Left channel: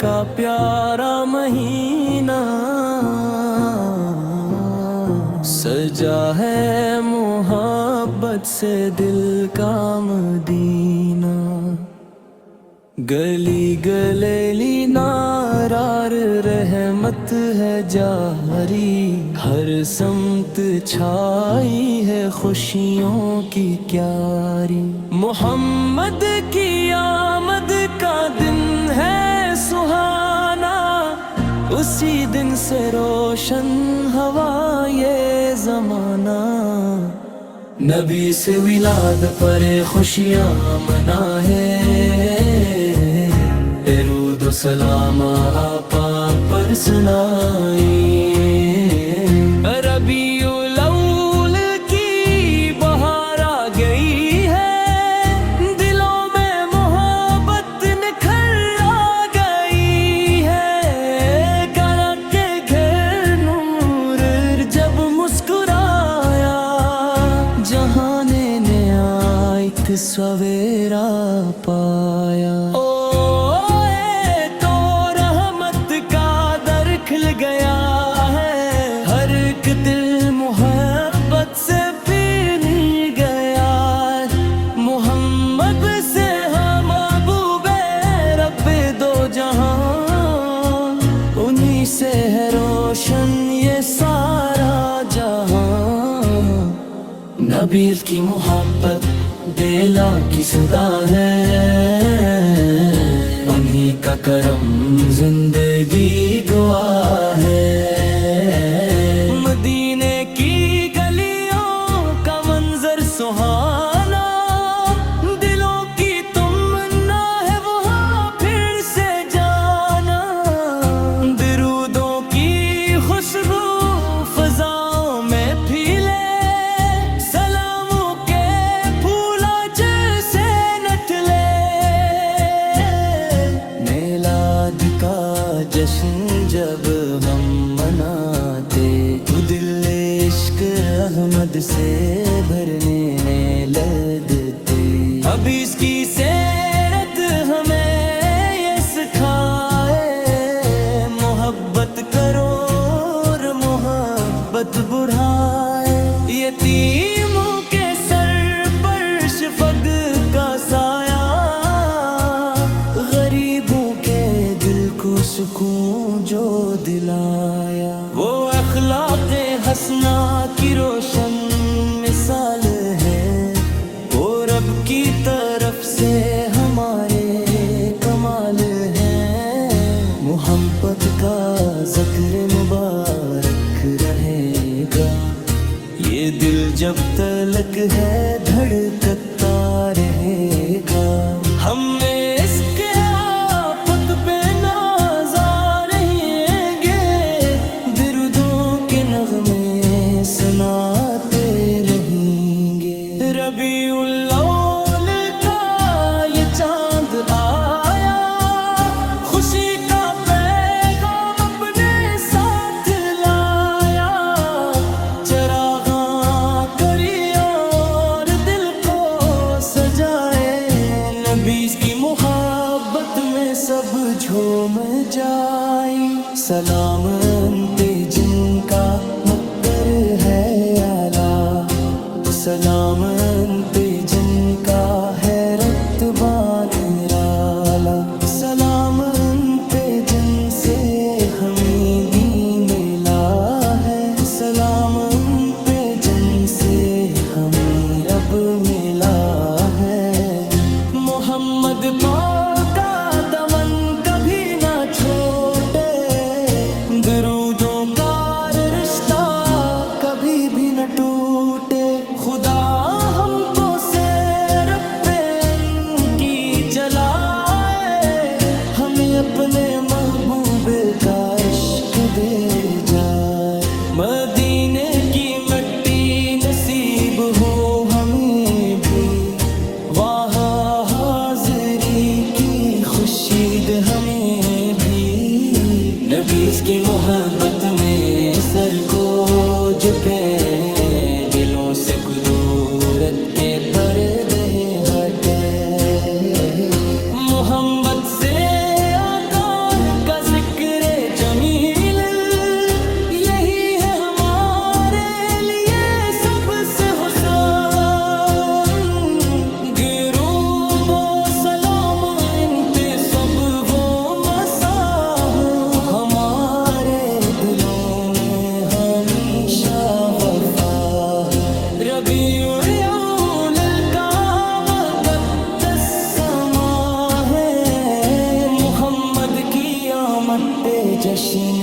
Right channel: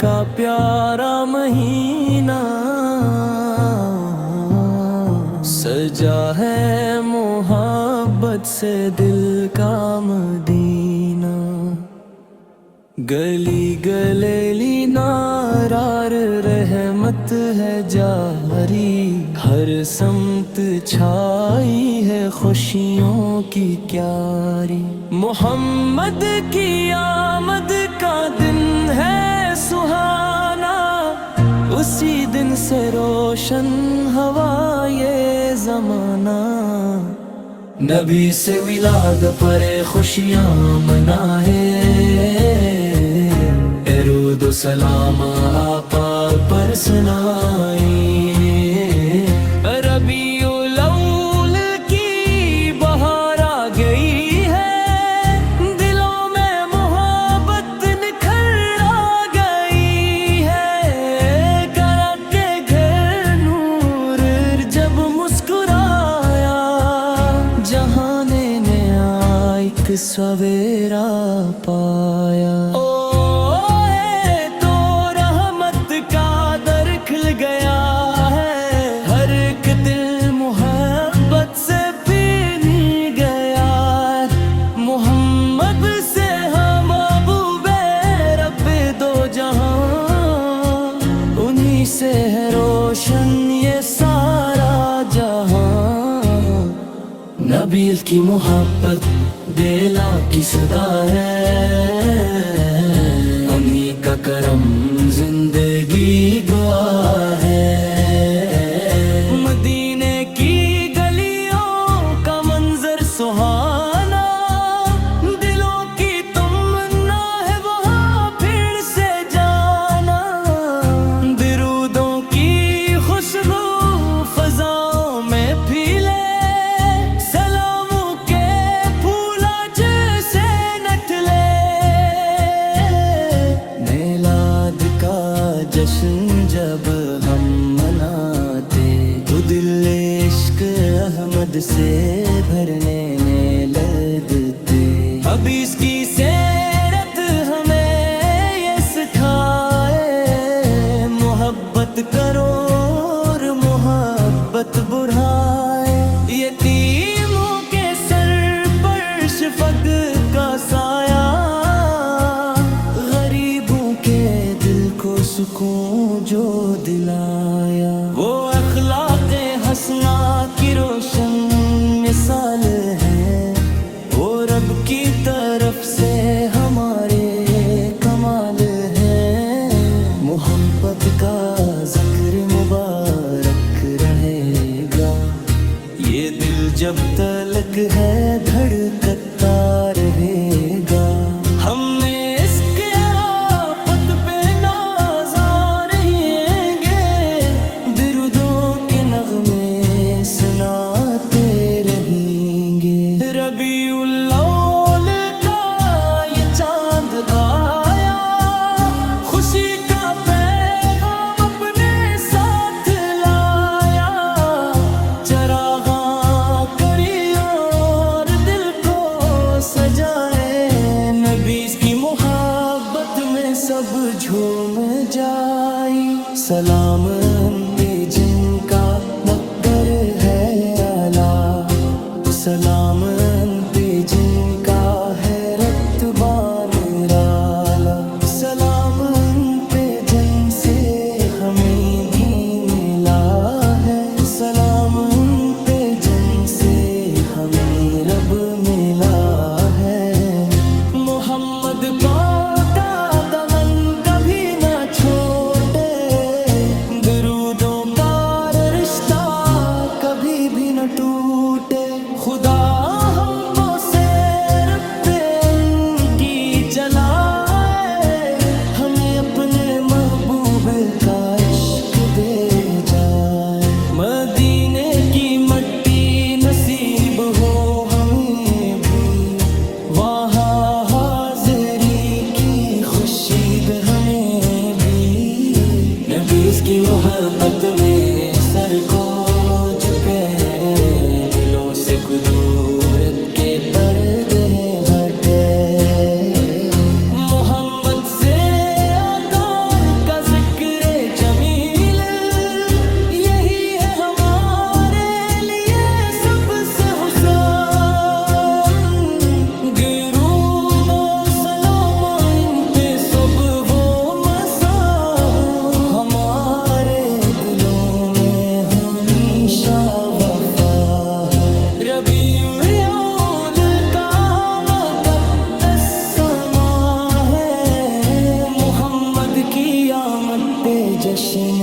کا پیارا مہینہ سجا ہے محبت سے دل کا مدینہ گلی گلیلی نارار رحمت ہے جاری ہر سمت چھائی ہے خوشیوں کی کیاری محمد کی آمد کا دن ہے سہانا اسی دن سے روشن ہوا یہ زمانہ نبی سے ولاد پر خوشیاں منائے درود و سلام آپا پر سنائی ربیع الاول کی بہار آ گئی ہے دلوں میں محبت نکھر آ گئی ہے کرا کے گھر نور جب مسکرایا جہان نے ایک سویرا پایا کھل گیا ہے ہر ایک دل محبت سے پینے گیا محمد سے ہم محبوب رب دو جہاں انہی سے ہے روشن یہ سارا جہاں نبی کی محبت بیلا کی صدا ہے انہی کا کرم زندگی گوا ہے مدینے کی گلیوں کا منظر سہانا دلوں کی تمنا ہے وہاں پھر سے جانا درودوں کی خوشبو فضاؤں میں پھیلے کا جشن جب ہم مناتے تو دل عشق احمد سے بھرنے لگتے اب اس کی سیرت ہمیں یہ سکھائے محبت کرو اور محبت بڑھائے یتیموں کے سر پر شفق کا سایہ غریبوں کے دل کو سکون جو دلایا وہ اخلاق حسنہ کی روشن مثال ہے وہ رب کی طرف سے ہمارے کمال ہے محبت کا ذکر مبارک رہے گا یہ دل جب تلک ہے دھڑکتا رہے گا ہم اس کے آفت پہ نازا رہیں گے درودوں کے نغمے سناتے رہیں گے ربیع الاول کا یہ چاند آیا خوشی کا پیغام اپنے ساتھ لایا چراغاں کری اور دل کو سجائے نبی کی محبت میں سب جھوم جائیں سلام ان پہ جن کا مقدر ہے اعلیٰ سلام ان پہ جن کا ہے رتبہ نرالا سلام ان پہ جن سے ہمیں دین ملا ہے سلام ان پہ جن سے ہمیں رب ملا ہے محمد پاک کا دمن کبھی نہ چھوٹے درودوں کا رشتہ کبھی بھی نہ ٹوٹے خدا ہم کو سیر پہ ان کی چلائے ہمیں اپنے محبوب کا عشق دے جائے مدینے کی مٹی نصیب ہو ہمیں بھی وہاں حاضری کی خوشید ہمیں بھی نبی کی محبت میں سر کو جھکے دلوں سے قدورت کے پردے ہٹے محبت سے آقا ذکر جمیل یہی ہے ہمارے لیے سب سے حسن درود و سلام ان پہ سب وہ مسا ہو ہمارے دلوں میں ہمیشہ وفا ہو ربیع الاول کا مقدس سما ہے محمد کی آمد پہ جشن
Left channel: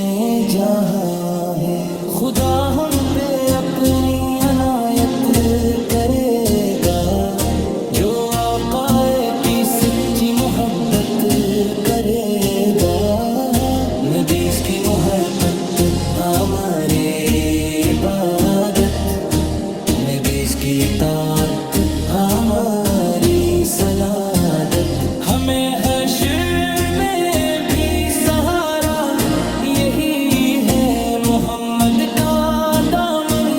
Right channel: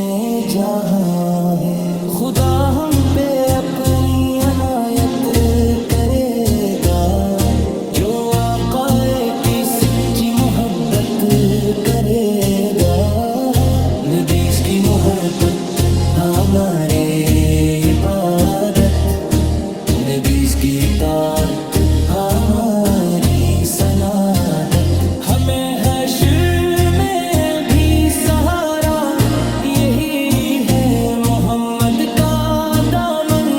جہاں ہے خدا ہم پہ اپنی عنایت کرے گا جو آقا کی سچی محبت کرے گا نبی کی محبت ہمارے عبادت نبی کی اطاعت ہماری سعادت ہمیں حشر میں بھی سہارا یہی ہے محمد کا دامن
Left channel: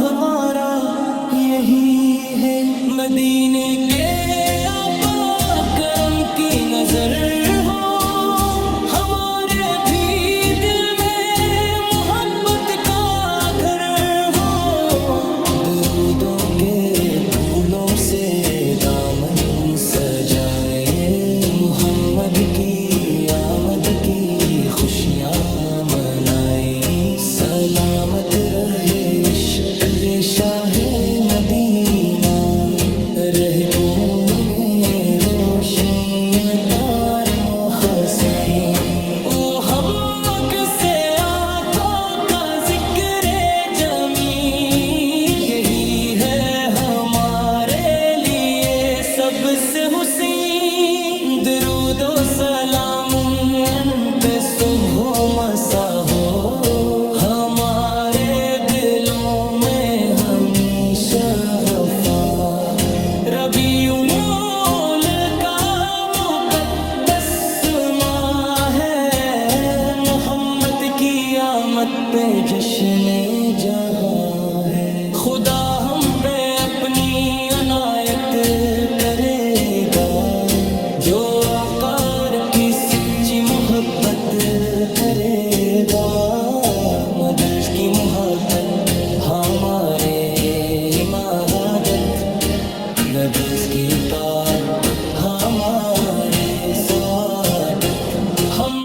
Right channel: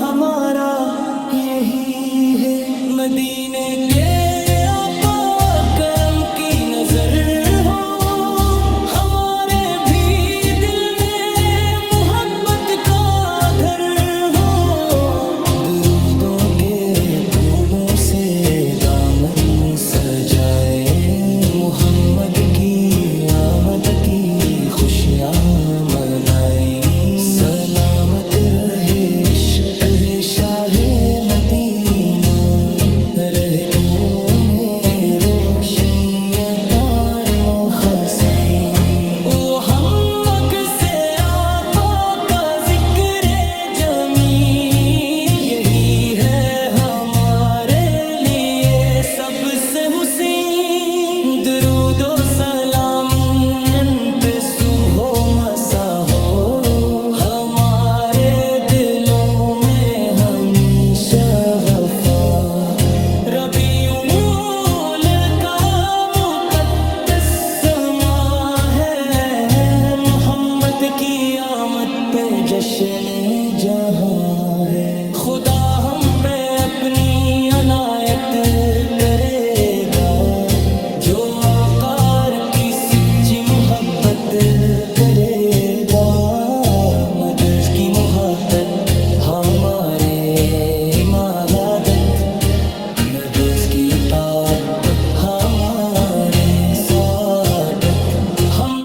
ہمارا یہی ہے مدینے کے آقا کرم کی نظر ہو ہمارے بھی دل میں محبت کا گھر ہو درودوں کے پھولوں سے دامن سجائے محمد کی آمد کی خوشیاں منائیں سلامت رہے عشق ہے شاہ مدینہ رہگوں میں روشنی پار مخسیں وہ ہم سے آقا کا ذکر جمیل یہی ہے ہمارے لیے سب سے حسین درود و سلام ان پہ صبح و مسا ہو ہمارے دلوں میں ہمیشہ وفا ربیع الاول کا مقدس ماہ ہے محمد کی آمد پہ جشن جہاں ہے خدا ہم پہ اپنی عنایت کرے گا جو وقار کی سچی محبت کرے گا مدرس کی محبت ہمارے مرادت نبوس کی اطاعت ہمارے سعادت ہم